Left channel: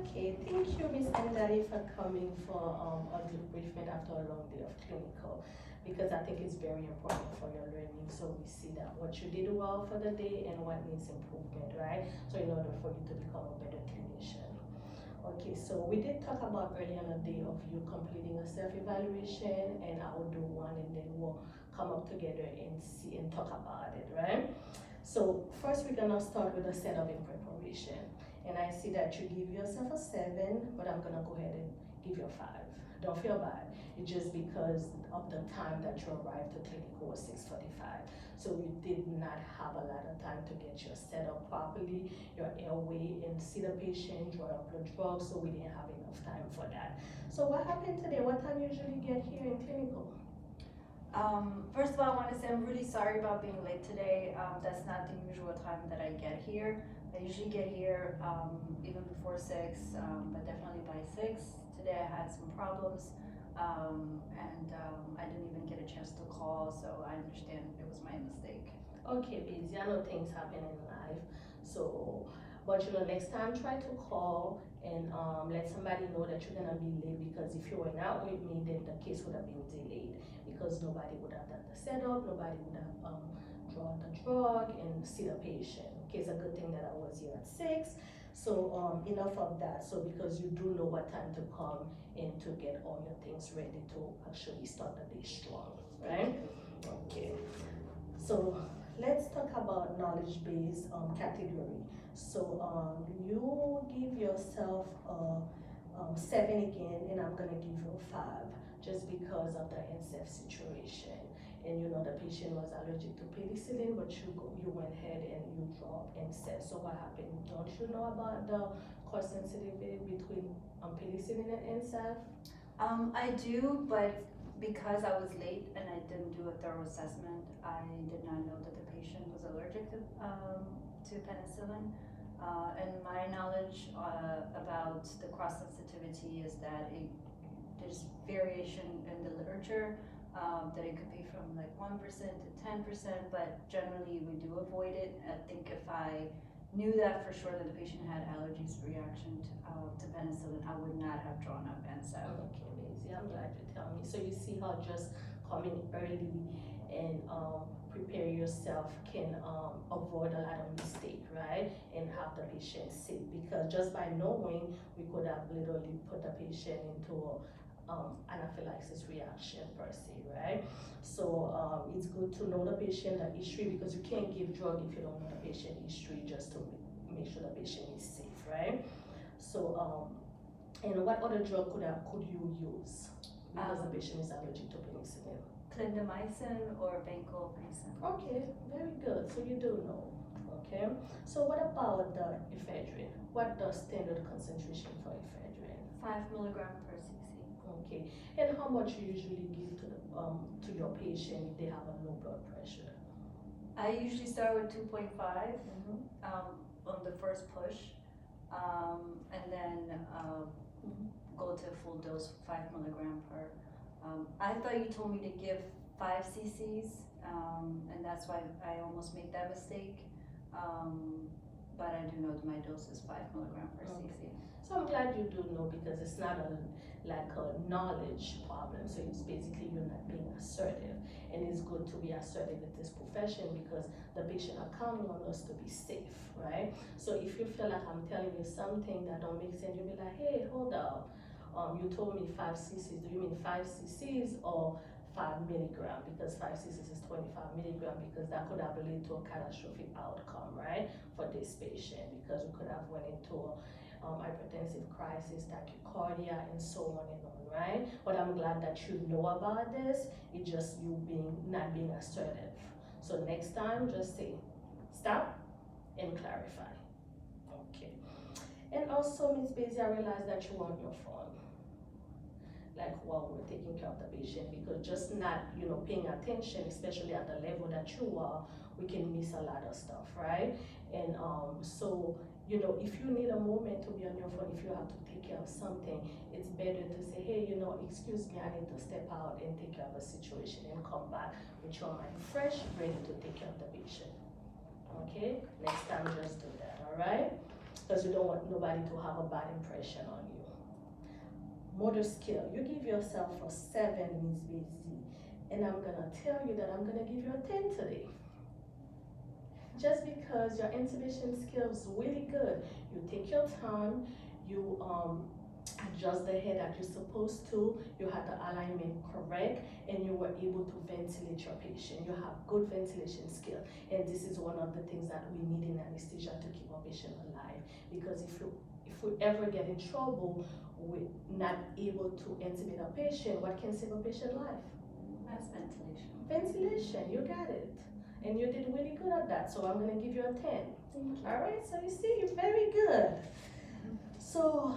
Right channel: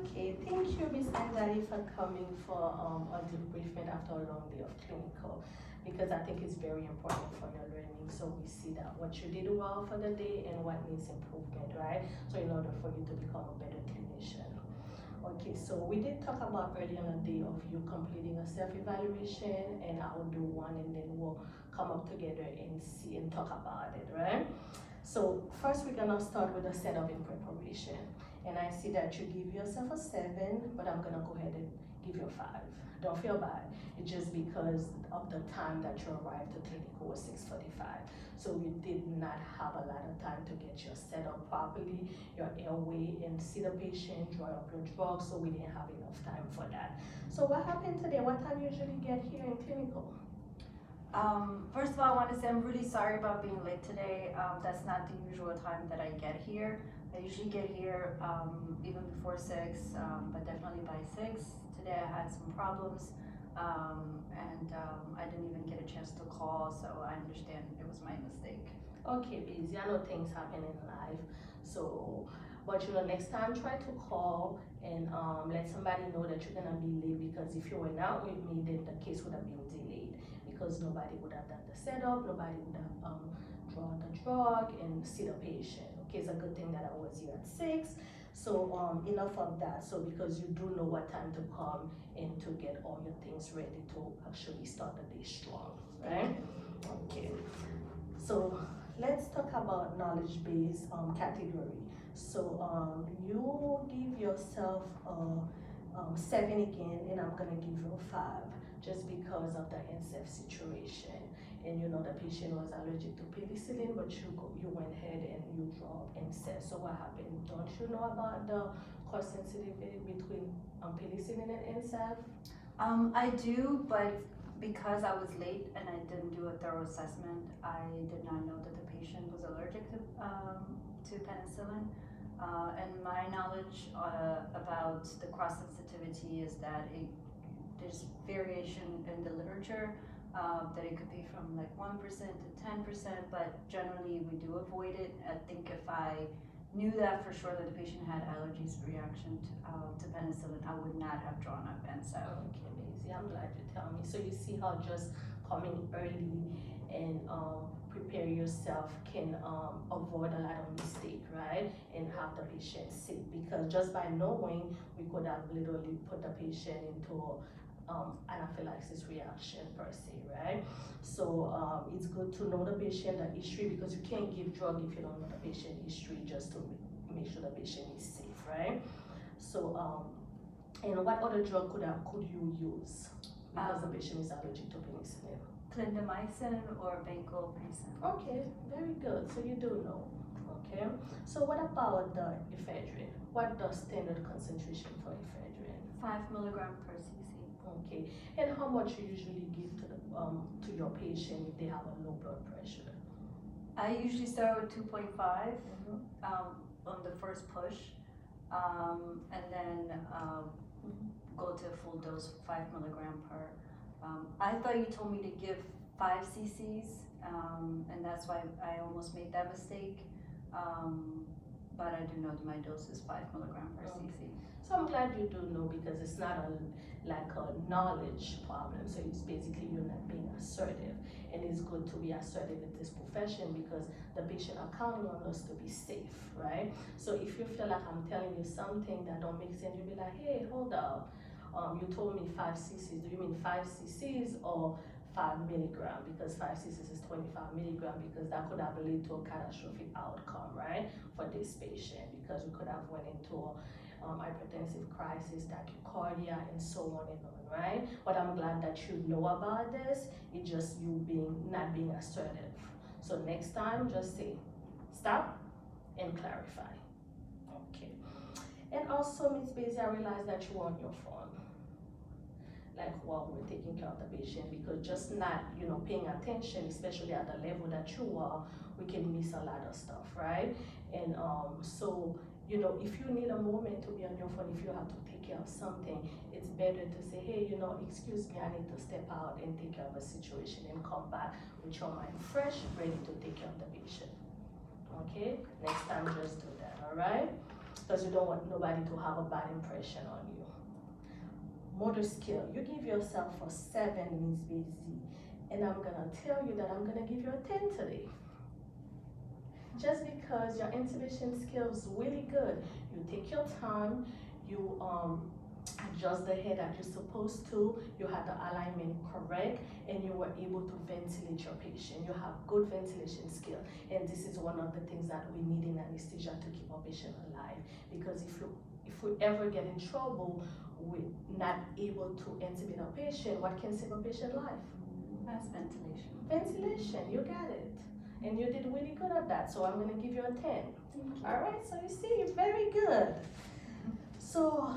Okay, thank you, Miss Andali, for coming for a debriefing after a long day of clinical, because I think it's very important for your learning. So we see that what you did well for the day and what needs improvement, right? So in order for you to become a better clinician. Okay, so we did talk about earlier on the day of you completing a self-evaluation, and I will do one, and then we'll come up together and see and talk about it, right? So first we're gonna start with a setup in preparation. And I see that you give yourself a 7, but I'm gonna go ahead and give you a 5. Don't feel bad. It's just because of the time that you arrived to clinical was 6:45. So you did not have a lot of time to get your set up properly, your airway, and see the patient, draw your blood draw, so we didn't have enough time for that. So what happened today? What time you usually get here in clinical? First of all, I want to say I'm really sorry about being late today. That's not the usual time that I get here. I usually get here even before 6, but definitely by 6. Today I had some problems, and I didn't even get a chance to call, so I understand it was my mistake. Okay, busy. I know things happen in life, so but next time try to call and let somebody know that you're gonna be late, because if you were not with me, then the case would have been delayed, because nobody would have done the setup, nobody would have drawn the drug and see the patient. Okay, it's a good thing that I was here at 6. So enough of that. So because you do know what time to come and to get all your things ready to actually start the day strong, right? Okay. So let's talk about knowledge base category. So you give yourself a 7 again, and I'm gonna give you a 5 just because of the NSF situation. And the patient was allergic to penicillin, but you went ahead and you dropped NSF. So what happened? Don't you know about the cross sensitivity between penicillin and NSF? I do, but because I was late and I didn't do a thorough assessment, I did not know that the patient was allergic to penicillin. And my knowledge about the cross sensitivity is that there's variation in the literature, that it could be from like 1% to 10%, but generally we do avoid it. I think if I knew that for sure that the patient had allergies reaction to penicillin, I would not have drawn up NSAID. Okay, Maisie, I'm glad you tell me. So you see how just coming early and prepare yourself can avoid a lot of mistake, right? And have the patient sick, because just by knowing, we could have literally put the patient into anaphylaxis reaction per se, right? So it's good to know the patient, the history, because you can't give drug if you don't know the patient history, just to make sure the patient is safe, right? So and what other drug could you use because the patient is allergic to penicillin? Clindamycin or vancomycin. Okay, very good. So you do know. Okay. So what about the ephedrine? What the standard concentration for ephedrine? 5 milligram per cc. Okay. And how much you usually give to your patient if they have a low blood pressure? I usually start with 2.5 on the first push, and then go to full dose, 5 milligram per. I thought you told me to give 5 cc's, and that's why I almost made that mistake. But I do know that my dose is 5 milligram per cc. So I'm glad you do know, because it's not like a knowledge problem. So it's basically you're not being assertive, and it's good to be assertive in this profession because the patient are counting on us to be safe, right? So if you feel like I'm telling you something that don't make sense, you'll be like, hey, hold up. You told me 5 cc's. Do you mean 5 cc's or 5 milligram? Because 5 cc's is 25 milligram, because that could have led to a catastrophic outcome, right, for this patient, because we could have went into hypertensive crisis, tachycardia, and so on and on, right? But I'm glad that you know about this. It's just you not being assertive. So next time, just say stop and clarify. Okay. And also, Ms. Basie, I realized that you were on your phone, like while we're taking care of the patient, because just not paying attention, especially at the level that you are, we can miss a lot of stuff, right? And so if you need a moment to be on your phone, if you have to take care of something, it's better to say, hey, excuse me, I need to step out and take care of a situation and come back with your mind fresh, ready to take care of the patient. Okay, next time just do that. All right. because you don't want nobody to have a bad impression on you. Motor skill, you give yourself a 7, Ms. Busy, and I'm gonna tell you that I'm gonna give you a 10 today. Just because your intubation skills really good, you take your time, you adjust the head that you're supposed to, you had the alignment correct, and you were able to ventilate your patient. You have good ventilation skill, and this is one of the things that we need in anesthesia to keep our patient alive. Because if we ever get in trouble, we're not able to intubate a patient, what can save a patient life? That's ventilation. Ventilation, you got it. And you did really good at that, so I'm gonna give you a 10. All right, so you see, you're very good. So,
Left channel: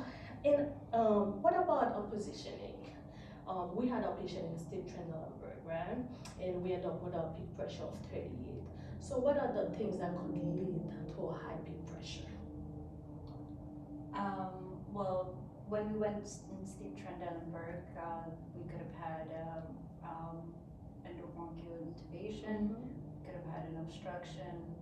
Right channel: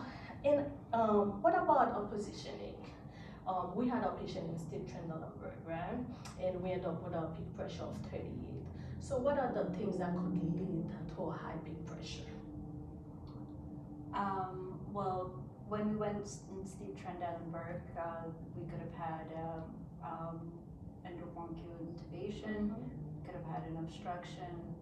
what about a positioning? We had a patient in Steve Trendelenburg, right? And we ended up with a peak pressure of 38. So what are the things that could lead to a high peak pressure? Well, when we went in Steve Trendelenburg, we could have had endobronchial intubation, could have had an obstruction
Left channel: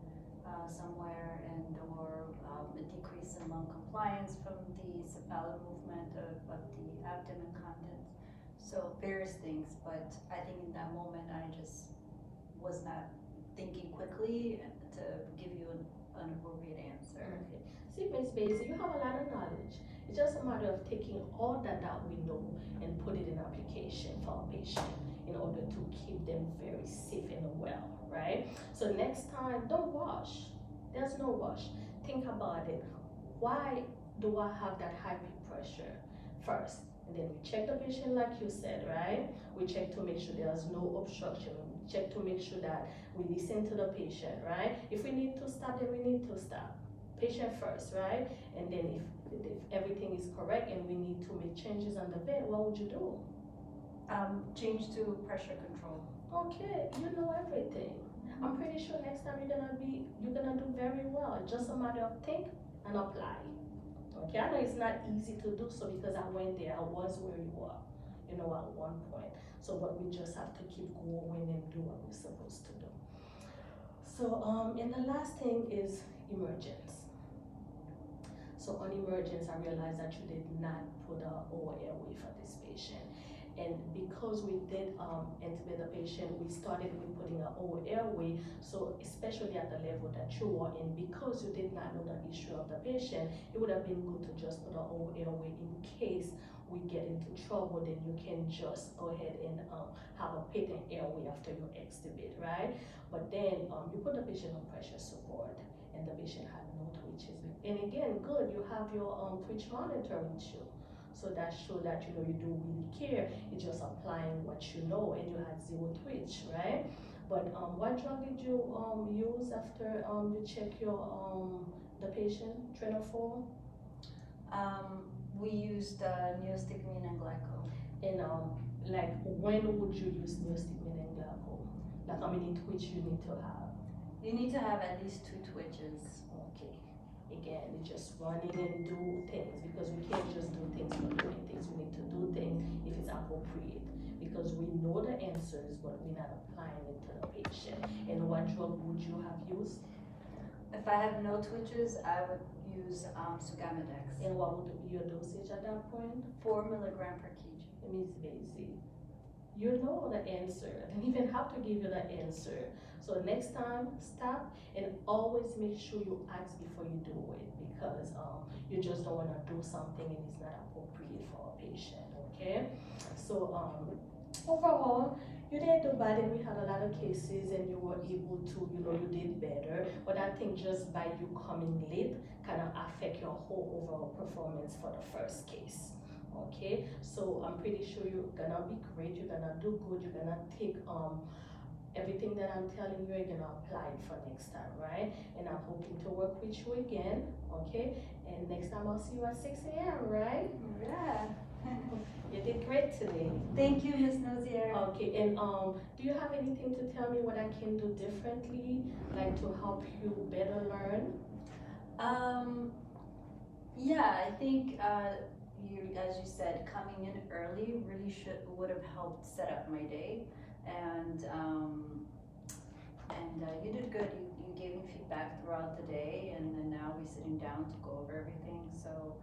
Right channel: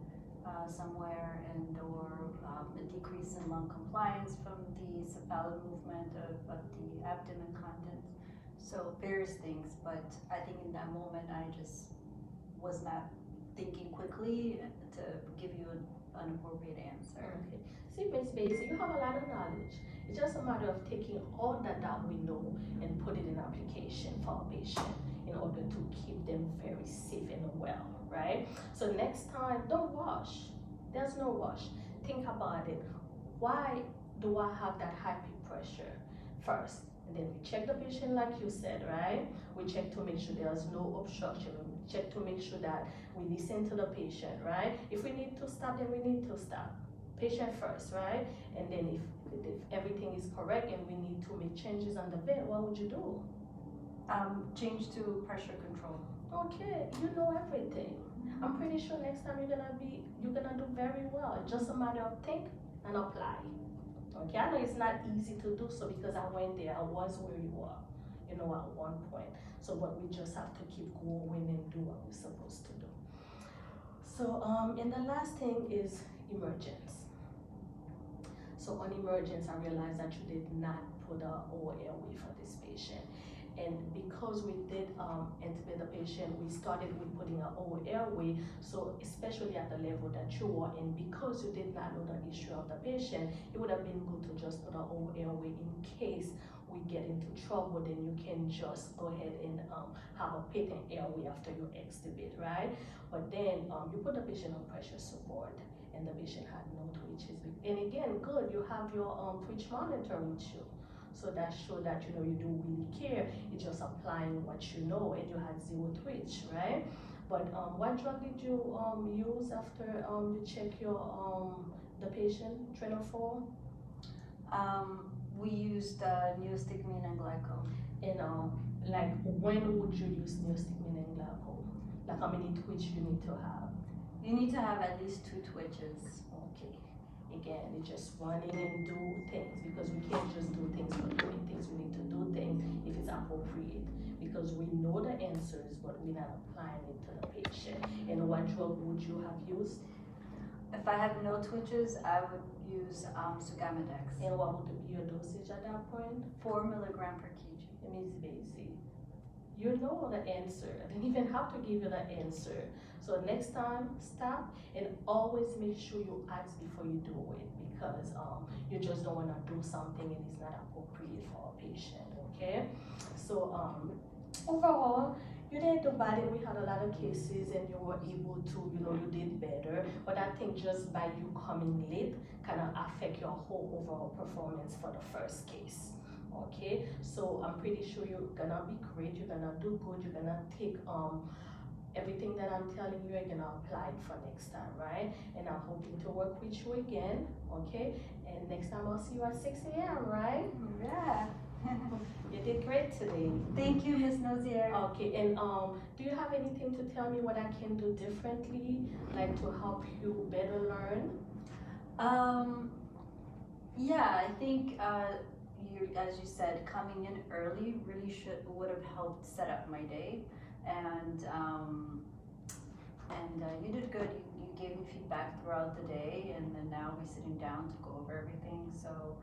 somewhere, and or a decrease in lung compliance from the cephalad movement of the abdomen contents. So various things, but I think in that moment I just was not thinking quickly to give you an appropriate answer. Okay. See, Ms. Basie, you have a lot of knowledge. It's just a matter of taking all that we know and put it in application for a patient in order to keep them very safe and well, right? So next time, don't rush. There's no rush. Think about it. Why do I have that high peak pressure first? And then we check the patient like you said, right? We check to make sure there's no obstruction. We check to make sure that we listen to the patient, right? If we need to stop, then we need to stop. Patient first, right? And then if everything is correct and we need to make changes on the bed, what would you do? Change to pressure control. Okay, you know everything. I'm pretty sure next time you're gonna do very well. It's just a matter of think and apply. Okay, I know it's not easy to do so because I went there, I was where you are, at one point. So, but we just have to keep going and do what we're supposed to do. So, and the last thing is emergence. So on emergence, I realized that you did not put a OR airway for this patient. And because we did intubate the patient, we started with putting an OR airway. So especially at the level that you are in, because you did not know the issue of the patient, it would have been good to just put an OR airway in case we get into trouble. Then you can just go ahead and have a patent airway after you extubate, right? But then you put the patient on pressure support, and the patient had no twitches. And again, good, you have your twitch monitor with you. So that shows that you do really care. You're just applying what you know, and you had 0 twitch, right? But what drug did you use after you check your the patient, Trenofor? We used neostigmine and glycol. And like when would you use neostigmine and glycol? Like how many twitch you need to have? You need to have at least 2 twitches. Okay. Again, it's just running and do things, because we can't just do things for doing things. We need to do things if it's appropriate, because we know the answers, but we're not applying it to the patient. And what drug would you have used? If I have no twitches, I would use Sugamadex. And what would be your dosage at that point? 4 milligram per kg. Miss Basie, you know the answer. I didn't even have to give you the answer. So next time, stop and always make sure you ask before you do it, because you just don't want to do something and it's not appropriate for a patient, okay? So overall, you didn't do bad, and we had a lot of cases and you were able to, you did better. But I think just by you coming late kind of affect your whole overall performance for the first case. Okay, so I'm pretty sure you're gonna be great, you're gonna do good, you're gonna take everything that I'm telling you, you're gonna apply it for next time, right? And I'm hoping to work with you again, okay? And next time I'll see you at 6 a.m., right? Yeah. You did great today. Thank you, Ms. Nozier. Okay, and do you have anything to tell me what I can do differently, like to help you better learn? Yeah, I think as you said, coming in early really would have helped set up my day, and you did good. You gave me feedback throughout the day, and then now we're sitting down to go over everything. So